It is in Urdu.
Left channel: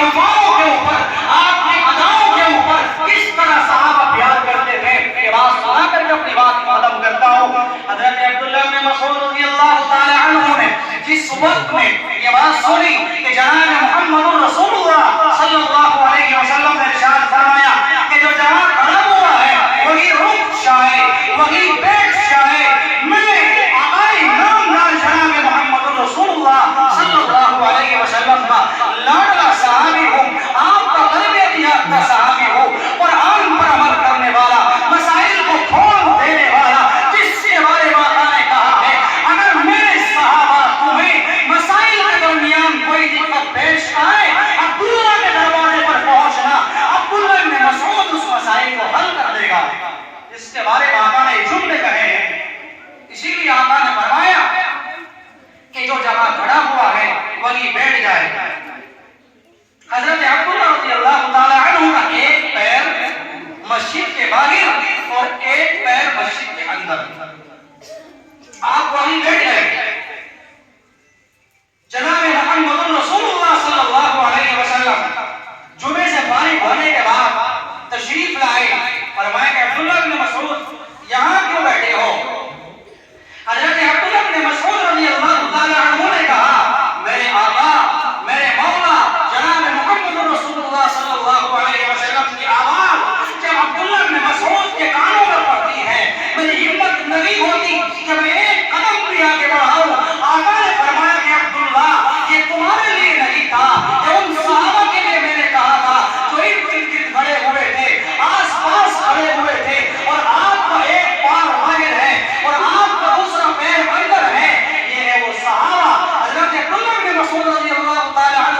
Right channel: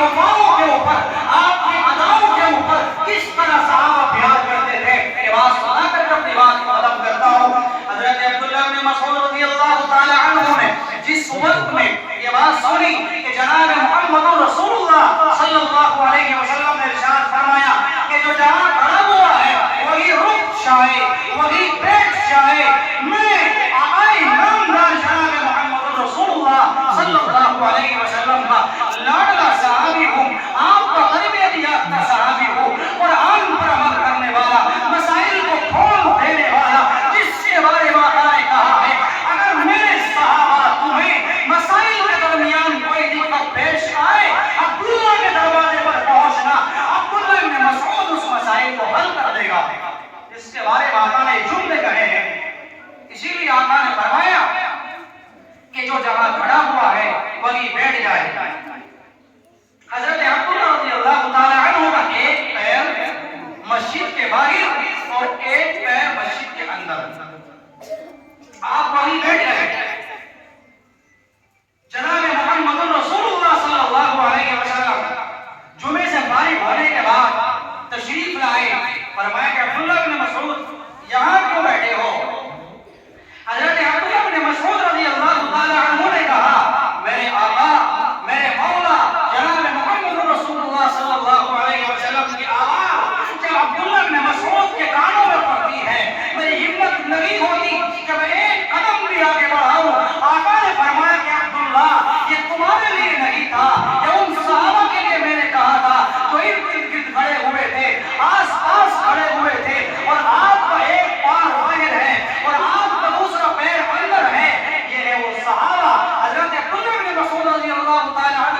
وفاؤں کے اوپر، آپ کی اداؤں کے اوپر کس طرح صحابہ پیار کرتے تھے، یہ بات سنا کر میں اپنی بات ختم کرتا ہوں۔ حضرت عبداللہ بن مسعود رضی اللہ تعالی عنہ نے جس وقت میں یہ بات سنی کہ جناب محمد رسول اللہ صلی اللہ علیہ وسلم نے ارشاد فرمایا کہ جو جہاں کھڑا ہوا ہے وہی رک جائے، وہی بیٹھ جائے، میں آئی نام جناب محمد رسول اللہ صلی اللہ علیہ وسلم کا لاڈلا صحابی ہوں، آپ کا تربیت یافتہ صحابی ہوں، قرآن پر عمل کرنے والا، مسائل کو کھول دینے والا، جس سے بڑے ماتا نے کہا ہے اگر میرے صحابہ تمہیں مسائل کے درمیان کوئی دقت پیش آئے، عبداللہ کے دروازے پر پہنچنا، عبداللہ بن مسعود اس مسائل کو حل کر دے گا۔ اس کے بارے میں آقا نے جملے کہے ہیں، اسی لیے آقا نے فرمایا کہ جو جگہ کھڑا ہوا ہے وہیں بیٹھ جائے۔ حضرت عبداللہ رضی اللہ تعالی عنہ کا ایک پیر مسجد کے باہر اور ایک پیر مسجد کے اندر، آپ وہیں بیٹھ گئے۔ جناب محمد رسول اللہ صلی اللہ علیہ وسلم جمعے سے فارغ ہونے کے بعد تشریف لائے، فرمایا کہ عبداللہ بن مسعود یہاں کیوں بیٹھے ہو؟ حضرت عبداللہ بن مسعود رضی اللہ تعالی عنہ نے کہا میرے آقا، میرے مولا جناب محمد رسول اللہ صلی اللہ علیہ وسلم کی آواز جب عبداللہ بن مسعود کے کانوں پر پڑتی ہے، میری ہمت نہیں ہوتی کہ میں ایک قدم بھی آگے بڑھاؤں۔ آقا نے فرمایا کہ عبداللہ یہ تمہارے لیے نہیں تھا، یہ ان صحابہ کے لیے میں نے کہا تھا جو ارد گرد کھڑے ہوئے تھے، آس پاس کھڑے ہوئے تھے، اور آپ کا ایک پار باہر ہے اور آپ کا دوسرا پیر اندر ہے، یہ ہے وہ صحابہ۔ حضرت عبداللہ بن مسعود رضی اللہ تعالی عنہ